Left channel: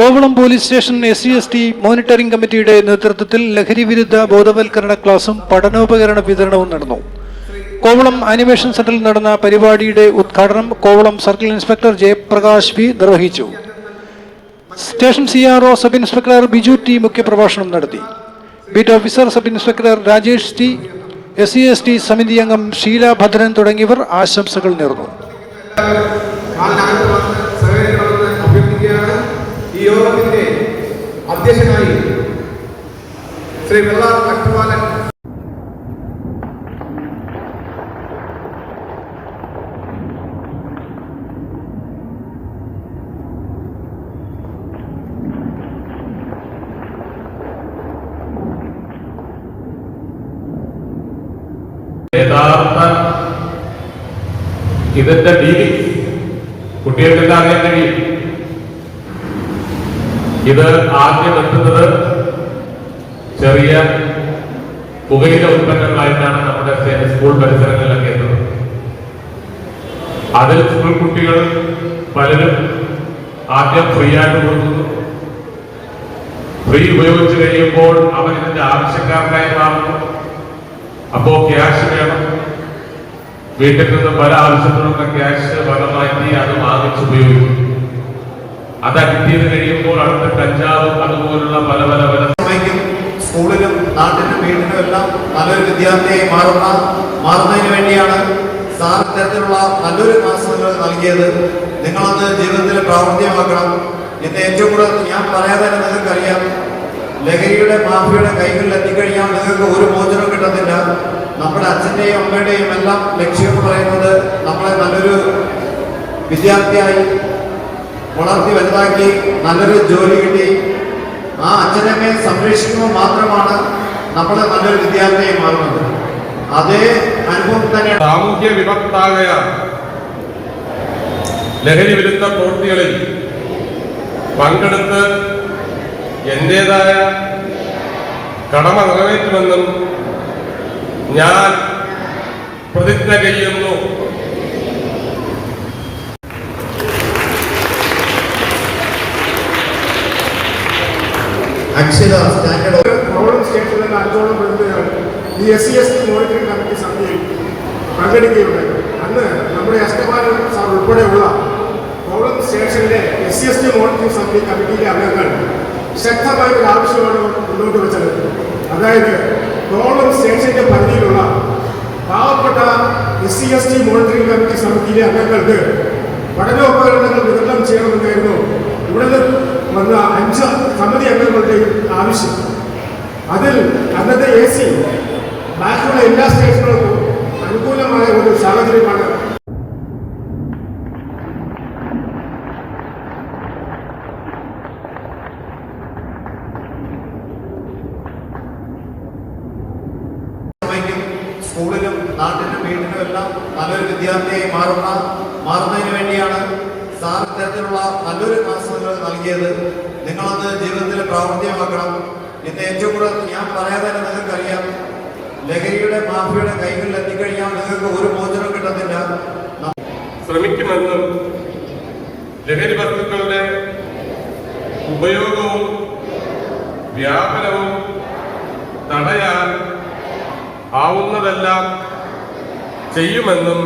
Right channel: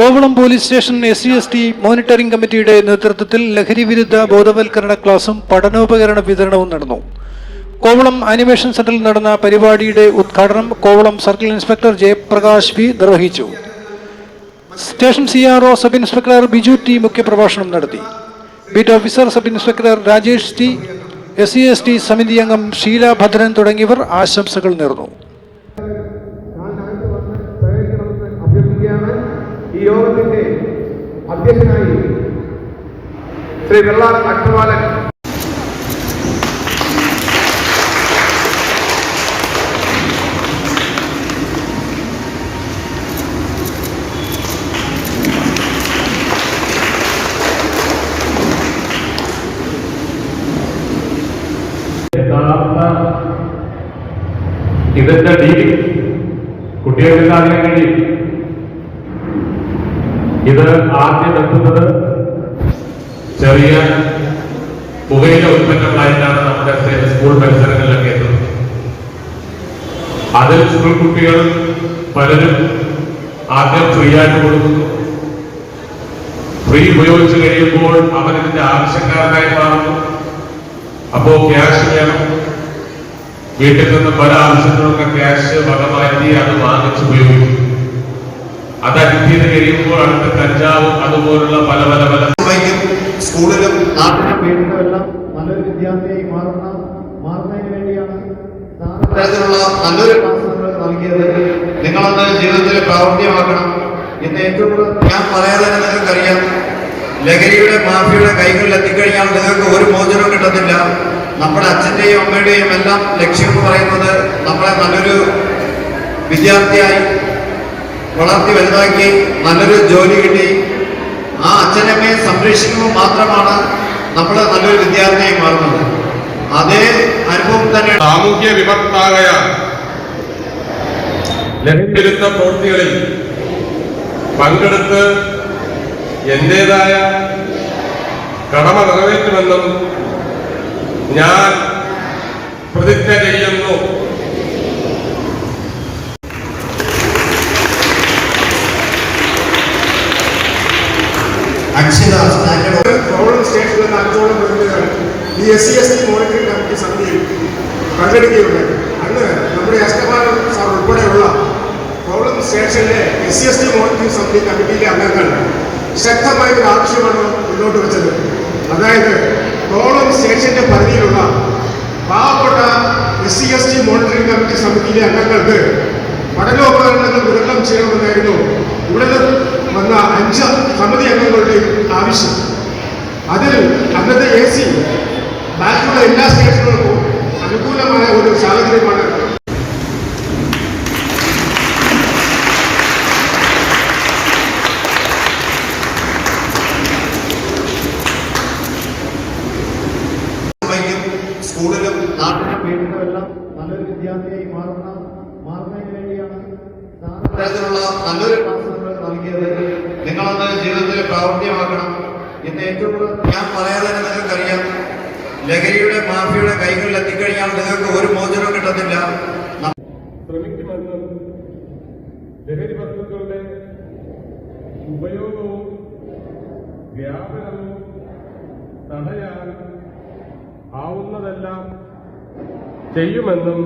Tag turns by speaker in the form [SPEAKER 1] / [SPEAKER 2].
[SPEAKER 1] Kovalam police station S C S T monitoring കമ്മിറ്റിയുടെ നേതൃത്വത്തിൽ ലഹരി വിരുദ്ധ ബോധവൽക്കരണ ക്ലാസും പഠനോപകരണ വിതരണവും നടന്നു. കോവളം ആനിമേഷൻ സെന്ററിൽ നടന്ന പരിപാടിയുടെ ഉദ്ഘാടനം Kovalam circle inspector Jayaprakash V നിർവഹിച്ചു. Station C R O sub inspector Biju T മുഖ്യപ്രഭാഷണം നടത്തി. Beat officer sub inspector Rajesh T S C S T സമിതി അംഗം ഷീല ഭദ്രൻ തുടങ്ങിയവർ ആശംസകൾ നേർന്നു.
[SPEAKER 2] ഈ യോഗത്തിന്റെ അധ്യക്ഷനായി ശ്രീ വെള്ളാർ അട്ടുവാലൻ
[SPEAKER 3] യഥാർത്ഥ ഇതിന്റെ രീതി? കുട്ടികൾക്ക് അറിയാൻ കഴിയും? ഇത് ആദ്യം എത്തുന്നത് ചെറിയ പുകയില ഉൽപ്പന്നങ്ങളായിട്ടാണ് നമ്മുടെ സ്കൂൾ പരിസരങ്ങളിലൊക്കെ എത്തുന്നത്. അതിൽ സ്കൂൾ കുട്ടികൾ പലരും ആദ്യം ഫ്രീ ആയിട്ട് കൊടുക്കുന്നു. ഫ്രീ ഉപയോഗിച്ച് കഴിയുമ്പോൾ അവരിതിന്റെ ആവശ്യക്കാരനായി മാറുന്നു. അപ്പോ ക്യാഷ് വേണം. വീട്ടിൽ നിന്ന് പല ആവശ്യത്തിനുള്ള ക്യാഷ് വക അത് വാങ്ങിച്ച് ഉപയോഗിക്കും അത് ചെയ്ത് കഴിയുമ്പോൾ അടുത്ത കഞ്ചാവും അതുപോലുള്ള പല പല പല
[SPEAKER 4] സ്കൂളിലും നാട്ടിലും വീട്ടിലും എല്ലാം നല്ലൊരു വിദ്യാർത്ഥിയായി മാറുന്ന മാറുന്നതിന് വേണ്ടിയാണ് സാർ തരത്തിലുള്ള നല്ലൊരു മാസങ്ങൾ നൽകിയത്. നിങ്ങളത് ജീവിതത്തിൽ പ്രാവർത്തികമാക്കണം. ഇന്ന് ഏറ്റവും കൂടുതൽ ഞാൻ പറയാതെ നിങ്ങൾക്കറിയാം. ലഹരിയുടെ മാഫിയുടെ കൈകളിൽ എത്തിക്കഴിഞ്ഞാൽ നിങ്ങൾക്ക് ഒരു മോചനം കിട്ടത്തില്ല. നമ്മുടെ അച്ഛന്റെയും അമ്മയുടെയും എല്ലാം ലക്ഷ്യം പറയുന്നത് നമ്മളെ നല്ലൊരു വിദ്യാർത്ഥിയായി വളർത്തി വലുതാക്കി നല്ലൊരു ജോലി കിട്ടി. ആ അച്ഛനമ്മയെ സംരക്ഷിക്കുമ്പോൾ മാത്രമാണ് നമ്മൾ നല്ലൊരു വിദ്യാർത്ഥിയായി മാറുന്നത് അതേ അനുഭവം തന്നെ
[SPEAKER 3] സാമൂഹ്യ വിഭക്തായ ലഹരി വിരുദ്ധ പ്രവൃത്തികളിൽ പങ്കെടുത്ത് എന്റേതായ കടമ നിറവേറ്റുമെന്നും ഞാൻ പ്രതിജ്ഞ ചെയ്യുന്നു
[SPEAKER 4] അക്ഷര
[SPEAKER 2] മോണിറ്ററിംഗ് കമ്മിറ്റി സമിതിയിൽ പങ്കെടുക്കുകയുണ്ടായി. അന്ന് നമ്മുടെ അഷ്ടമാനം സാർ ഉൾപ്പെടെയുള്ള കോവളം സ്റ്റേഷനിലെ മോണിറ്ററിംഗ് സമിതി കമ്മിറ്റിയിലെ അംഗങ്ങൾ ശക്തമായ ഒരു മുന്നോട്ട് വെച്ചത്. അതായത് കോവളം സ്റ്റേഷന്റെ പരിധിയിലുള്ള പാവപ്പെട്ട എസ് മോണിറ്ററിംഗ് കമ്മിറ്റി സമിതിയിലെ അംഗങ്ങൾക്ക് പഠനോപകരണങ്ങൾ വിതരണം ചെയ്യണമെന്നായിരുന്നു ഇവിടെ വന്ന അഞ്ച് സമിതി അംഗങ്ങളുടെ ആവശ്യം. അതിൽ അന്നത്തെ എ സി ബാക്കിയുള്ള എല്ലാ സ്റ്റേഷനുകൾക്കും അനുകൂലമായ ഒരു സാഹചര്യമാണ്.
[SPEAKER 4] സ്കൂളിലും നാട്ടിലും വീട്ടിലും എല്ലാം നല്ലൊരു വിദ്യാർത്ഥിയായി മാറുന്ന മാറുന്നതിന് വേണ്ടിയാണ് സാർ തരത്തിലുള്ള നല്ലൊരു ക്ലാസ്സുകൾ നൽകിയത്. നിങ്ങളത് ജീവിതത്തിൽ പ്രാവർത്തികമാക്കണം ഇന്ന് ഏറ്റവും കൂടുതൽ ഞാൻ പറയാതെ നിങ്ങൾക്കറിയാം. ലഹരിയുടെ മാഫിയുടെ കൈകളിൽ എത്തിക്കഴിഞ്ഞാൽ നിങ്ങൾക്ക് ഒരു മോചനവും കിട്ടത്തില്ല.
[SPEAKER 3] ശ്രമിക്കുമെന്നും ലഹരി വസ്തുക്കളുടെ ഉപയോഗവും വ്യാപനവും തടയാൻ ആവുന്നതെല്ലാം ചെയ്യുമെന്നും